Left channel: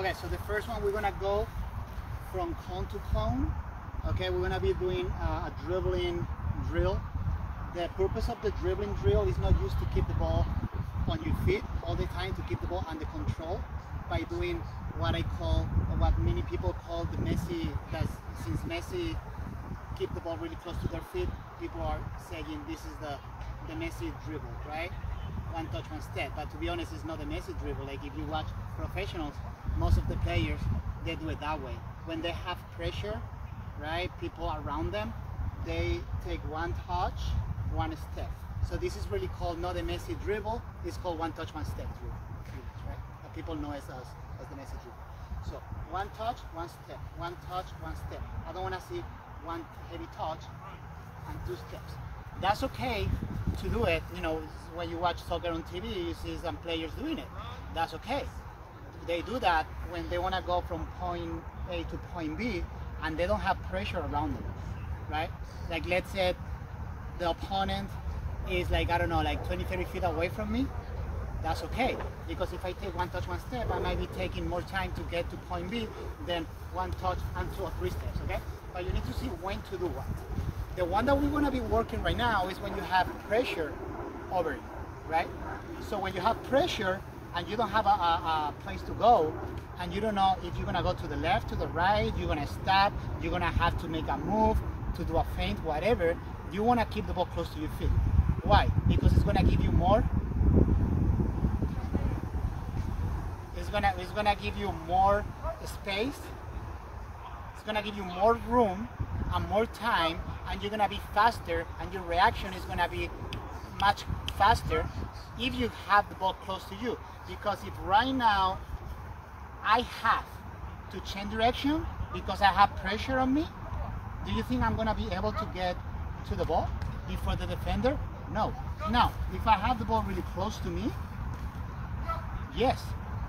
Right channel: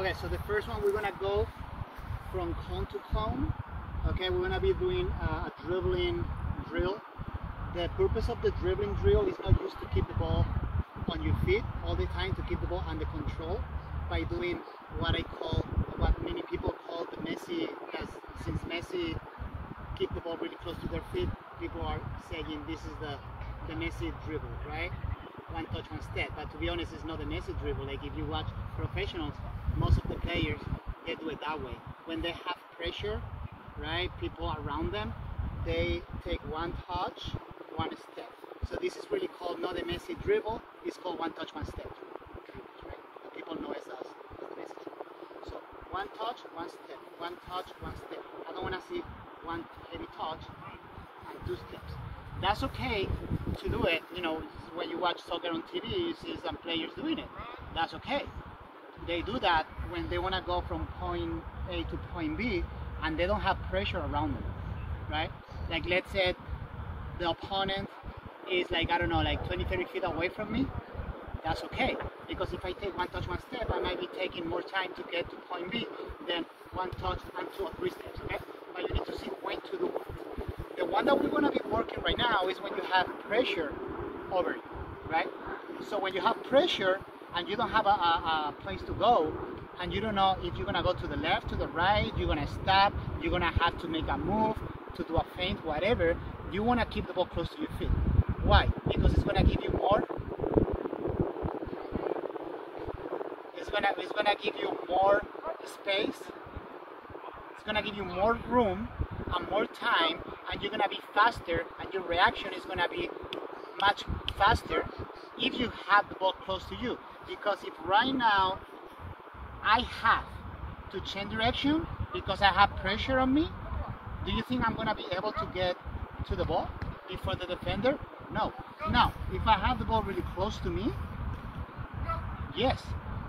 Okay, so the first one we're gonna go from cone to cone. Okay, we're gonna be doing a dribbling drill. The purpose of the dribbling drill is not used to keep the ball on your feet all the time, to keep the ball under control by doing what what many people call the Messi, because since Messi keep the ball really close to their feet, people are saying this is the Messi dribble, right? One touch, one step. But to be honest, it's not the Messi dribble. Like if you watch professionals, most of the players, they do it that way. When they have pressure, right, people around them, they take one touch, one step. So this is really called not the Messi dribble, it's called one touch, one step dribble, right? And people know it as the Messi dribble. So one touch, one step, one touch, one step. I don't want to see one heavy touch and two steps. That's okay to do it, you know, when you watch soccer on TV, you see some players doing it. That's okay. They do that when they want to go from point A to point B and they don't have pressure around them, right? Like let's say the opponent is like, I don't know, like 20, 30 feet away from me. That's okay, because if I take one touch, one step, I might be taking more time to get to point B than one touch and two or three steps, okay? But you need to see when to do what. The one that we're going to be working right now is when you have pressure over it, right? So when you have pressure and you don't have a place to go, and you don't know if you're going to go to the left, to the right, you're going to stop, you're going to have to make a move, to do a feint, whatever, you want to keep the ball close to your feet. Why? Because it's going to give you more. It's going to give you more space. It's going to give you more room and more time, and you're going to be faster, and your reaction is going to be much faster if you have the ball close to you. Because if right now I have to change direction because I have pressure on me, do you think I'm going to be able to get to the ball before the defender? No. Now, if I have the ball really close to me, yes.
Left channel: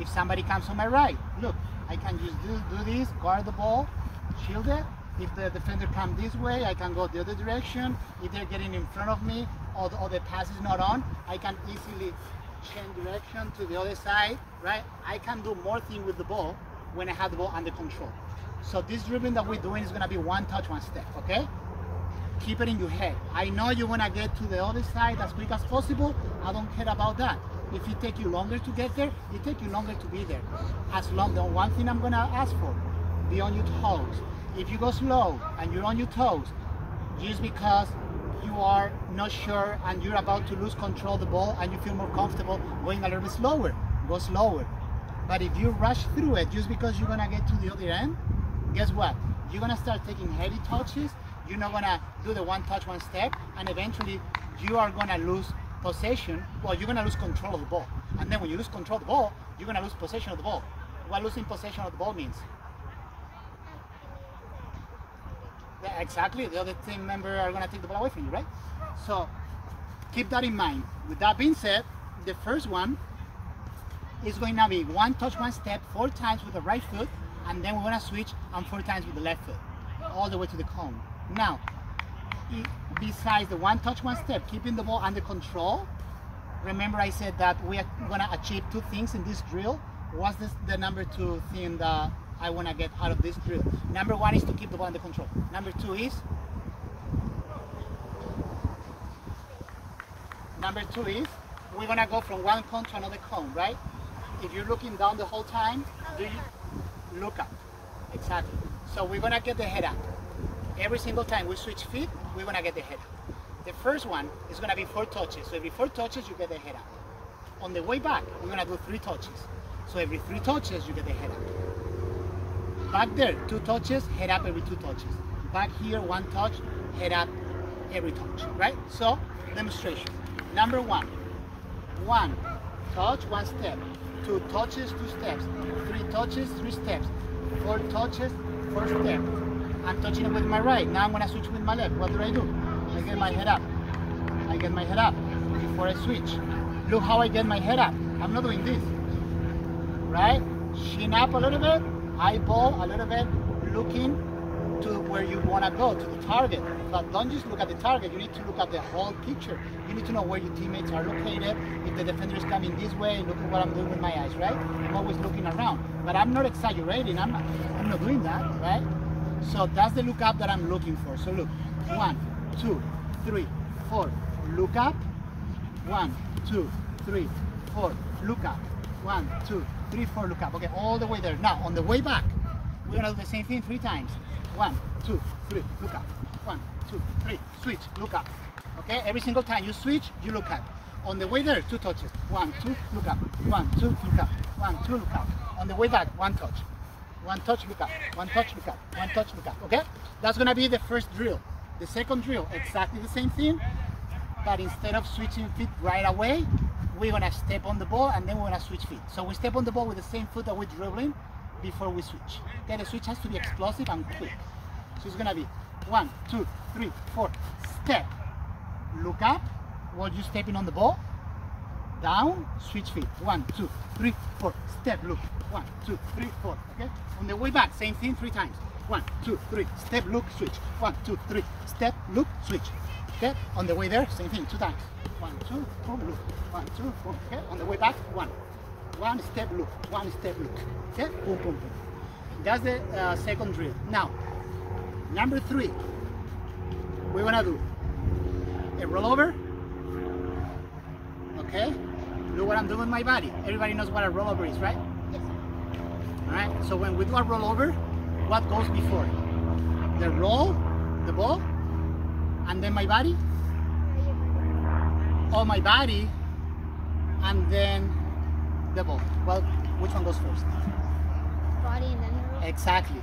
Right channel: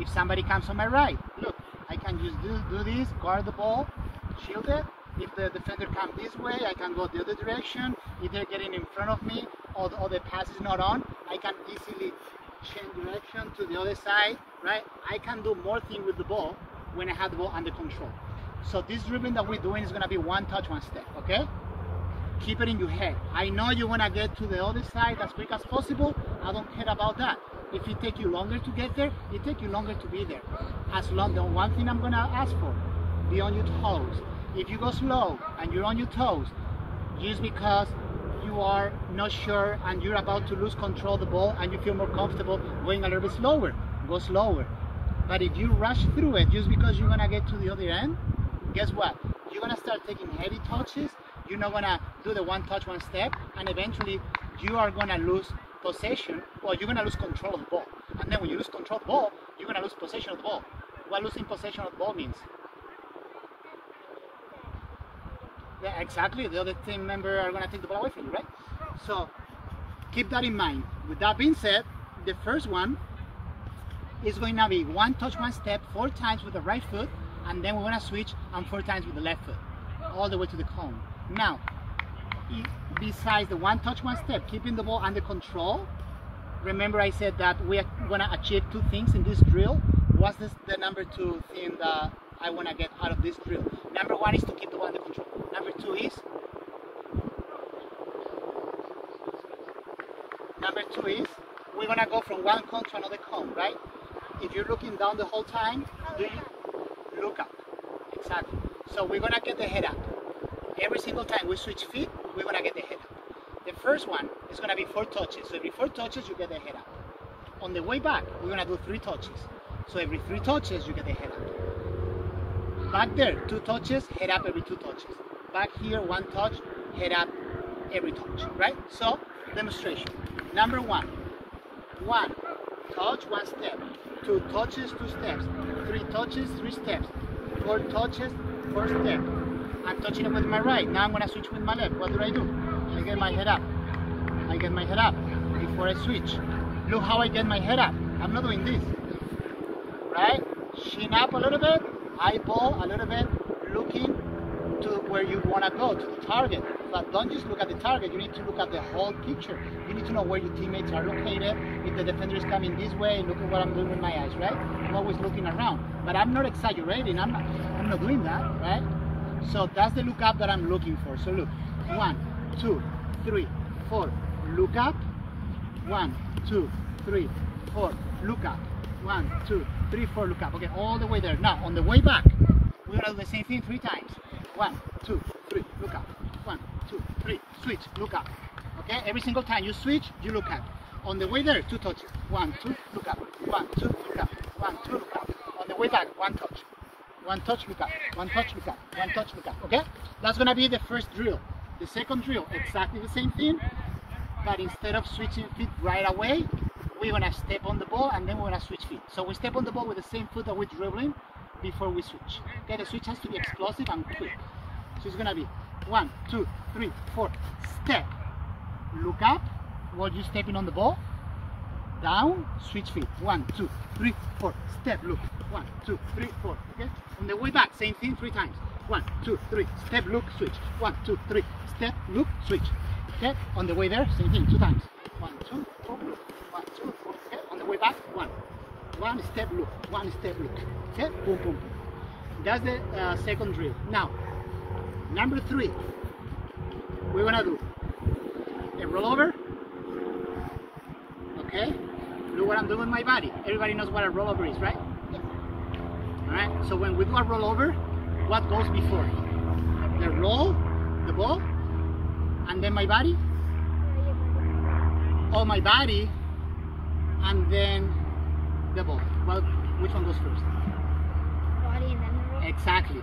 If somebody comes on my right, look, I can just do this, guard the ball, shield it. If the defender comes this way, I can go the other direction. If they're getting in front of me or the pass is not on, I can easily change direction to the other side, right? I can do more things with the ball when I have the ball under control. So this dribbling that we're doing is going to be one touch, one step, okay? Keep it in your head. I know you want to get to the other side as quick as possible. I don't care about that. If it takes you longer to get there, it takes you longer to be there. As long, the one thing I'm going to ask for, be on your toes. If you go slow and you're on your toes, just because you are not sure and you're about to lose control of the ball and you feel more comfortable going a little bit slower, go slower. But if you rush through it just because you're going to get to the other end, guess what? You're going to start taking heavy touches. You're not going to do the one touch, one step, and eventually you are going to lose possession, or you're going to lose control of the ball. And then when you lose control of the ball, you're going to lose possession of the ball. What losing possession of the ball means? Yeah, exactly. The other team member are going to take the ball away from you, right? So keep that in mind. With that being said, the first one is going to be one touch, one step, 4 times with the right foot, and then we're going to switch and 4 times with the left foot, all the way to the cone. Now, besides the one touch, one step, keeping the ball under control, remember I said that we are going to achieve 2 things in this drill. What's the number 2 thing that I want to get out of this drill? Number 1 is to keep the ball under control. Number 2 is we're going to go from one cone to another cone, right? If you're looking down the whole time, you look up. Exactly. So we're going to get the head up. Every single time we switch feet, we're going to get the head up. The first one is going to be 4 touches. So every 4 touches, you get the head up. On the way back, we're going to do 3 touches. So every 3 touches, you get the head up. Back there, 2 touches, head up every 2 touches. Back here, 1 touch, head up every touch, right? So, demonstration. Number 1. 1 touch, 1 step. 2 touches, 2 steps. 3 touches, 3 steps. 4 touches, 4 steps. I'm touching it with my right. Now I'm going to switch with my left. What do? I get my head up. I get my head up before I switch. Look how I get my head up. I'm not doing this. Right? Chin up a little bit. Eyeball a little bit. Looking to where you want to go, to the target. But don't just look at the target, you need to look at the whole picture. You need to know where your teammates are located. If the defender is coming this way, look at what I'm doing with my eyes, right? I'm always looking around. But I'm not exaggerating, I'm not doing that, right? So that's the look up that I'm looking for. So look, 1, 2, 3, 4, look up. 1, 2, 3, 4, look up. 1, 2, 3, 4, look up. Okay, all the way there. Now, on the way back, we're gonna do the same thing 3 times. 1, 2, 3, look up. 1, 2, 3, switch, look up. Okay, every single time you switch, you look up. On the way there, 2 touches. 1, 2, look up. 1, 2, look up. 1, 2, look up. On the way back, 1 touch. 1 touch, look up. 1 touch, look up. 1 touch, look up. Okay, that's gonna be the first drill. The second drill, exactly the same thing, but instead of switching feet right away, we're gonna step on the ball and then we're gonna switch feet. So we step on the ball with the same foot that we're dribbling before we switch. Okay, the switch has to be explosive and quick. So it's gonna be 1, 2, 3, 4, step, look up while you're stepping on the ball, down, switch feet. 1, 2, 3, 4, step, look. 1, 2, 3, 4. Okay, on the way back, same thing 3 times. 1, 2, 3, step, look, switch. 1, 2, 3, step, look, switch. Okay, on the way there, same thing 2 times. 1, 2, 4, look. 1, 2, 4. Okay, on the way back, 1 step, look. 1 step, look. Okay, boom, boom, boom. That's the second drill. Now, number 3, we're gonna do a rollover. Okay, look what I'm doing with my body. Everybody knows what a rollover is, right? Yes. All right. So when we do a rollover, what goes before? The roll, the ball, and then my body. Or my body, and then the ball. Well, which one goes first? Body and then the roll. Exactly.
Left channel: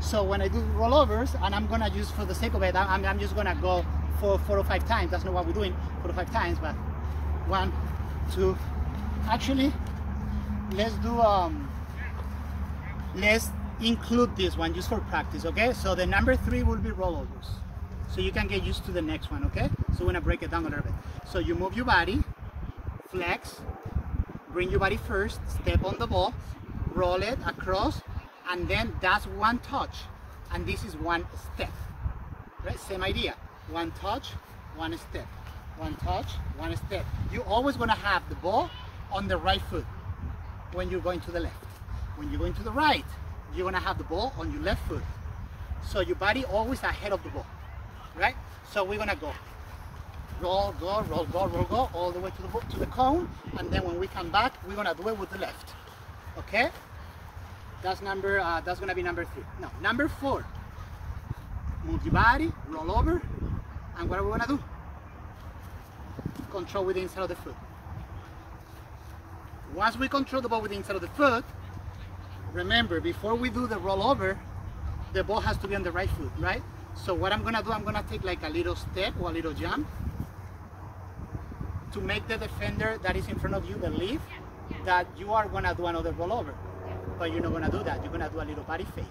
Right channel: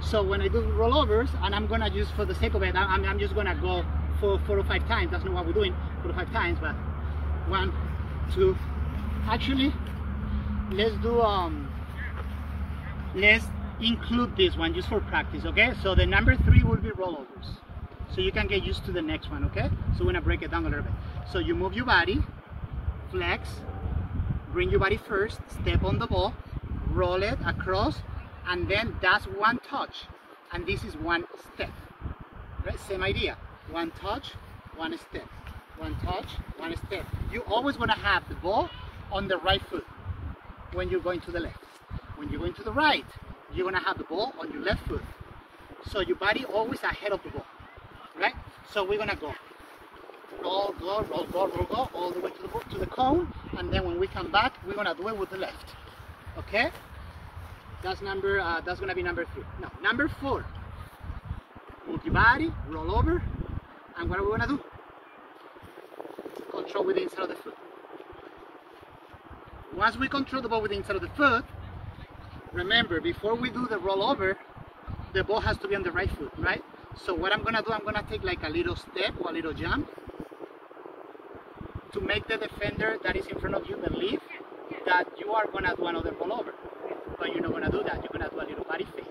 So when I do rollovers, and I'm gonna just for the sake of it, I'm just gonna go for 4 or 5 times. That's not what we're doing, 4 or 5 times, but 1, 2. Actually, let's do let's include this one just for practice. Okay, so the number 3 will be rollovers, so you can get used to the next one. Okay, so we're gonna break it down a little bit. So you move your body, flex, bring your body first, step on the ball, roll it across, and then that's 1 touch, and this is 1 step. Right? Same idea. 1 touch, 1 step. 1 touch, 1 step. You're always gonna have the ball on the right foot when you're going to the left. When you're going to the right, you're gonna have the ball on your left foot. So your body always ahead of the ball, right? So we're gonna go roll, go, roll, go, roll, go, all the way to the cone, and then when we come back, we're gonna do it with the left. Okay? That's gonna be number 3. Now, number 4. Move your body, roll over, and what are we gonna do? Control with the inside of the foot. Once we control the ball with the inside of the foot, remember, before we do the rollover, the ball has to be on the right foot, right? So what I'm gonna do, I'm gonna take like a little step or a little jump to make the defender that is in front of you believe that you are gonna do another rollover. But you're not gonna do that, you're gonna do a little body fake.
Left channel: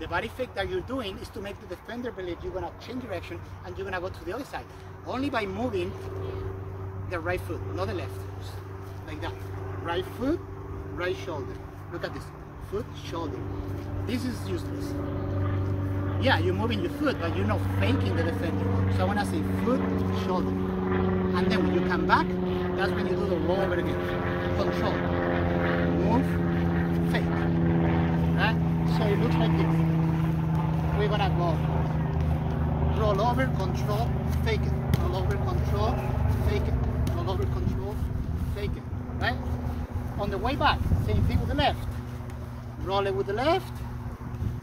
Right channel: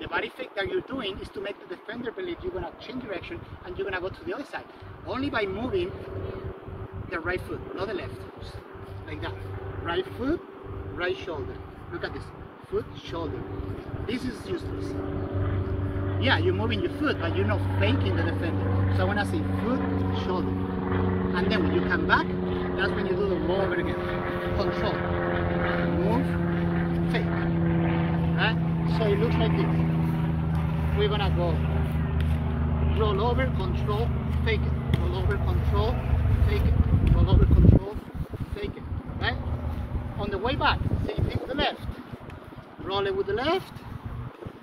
The body fake that you're doing is to make the defender believe you're gonna change direction and you're gonna go to the other side. Only by moving the right foot, not the left. Like that. Right foot, right shoulder. Look at this. Foot, shoulder. This is useless. Yeah, you're moving your foot, but you're not faking the defender. So I wanna say foot, shoulder. And then when you come back, that's when you do the roll over again. Control. Move, fake. Right? So it looks like this. We're gonna go roll over, control, fake it. Roll over, control, fake it. Roll over, control, fake it. Right? On the way back, same thing with the left. Roll it with the left,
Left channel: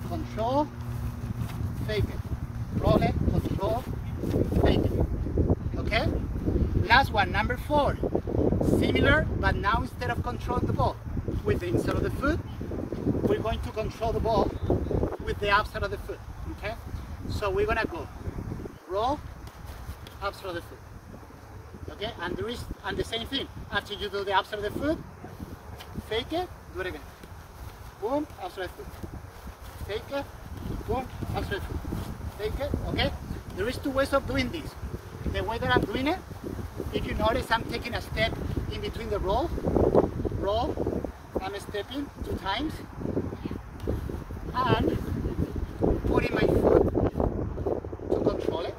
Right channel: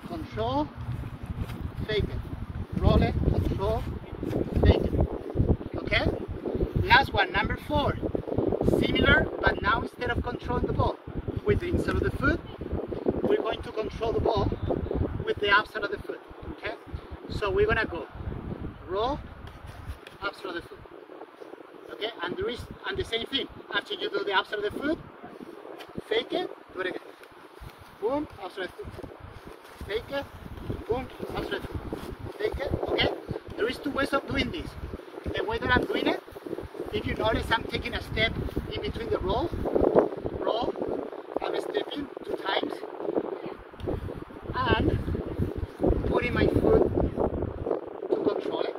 control, fake it. Roll it, control, fake it. Okay? Last one, number 4. Similar, but now instead of controlling the ball with the inside of the foot, we're going to control the ball with the outside of the foot. Okay? So we're gonna go roll, outside of the foot. Okay? And the same thing. After you do the outside of the foot, fake it, do it again. Boom, outside of the foot. Fake it, boom, outside of the foot. Fake it, okay? There is 2 ways of doing this. The way that I'm doing it, if you notice, I'm taking a step in between the roll, I'm stepping 2 times, and putting my foot to control it.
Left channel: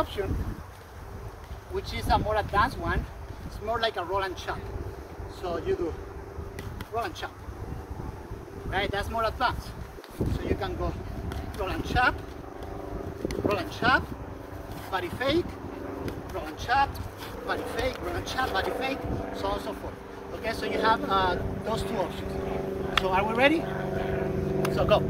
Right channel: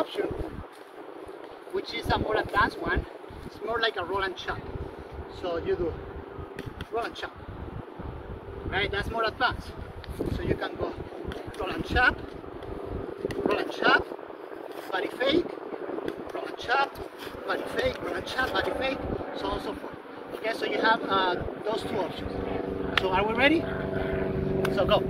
option, which is a more advanced one. It's more like a roll and chop. So you do roll and chop. Right, that's more advanced. So you can go roll and chop, body fake, roll and chop, body fake, roll and chop, body fake, so on and so forth. Okay, so you have those two options. So are we ready? So go.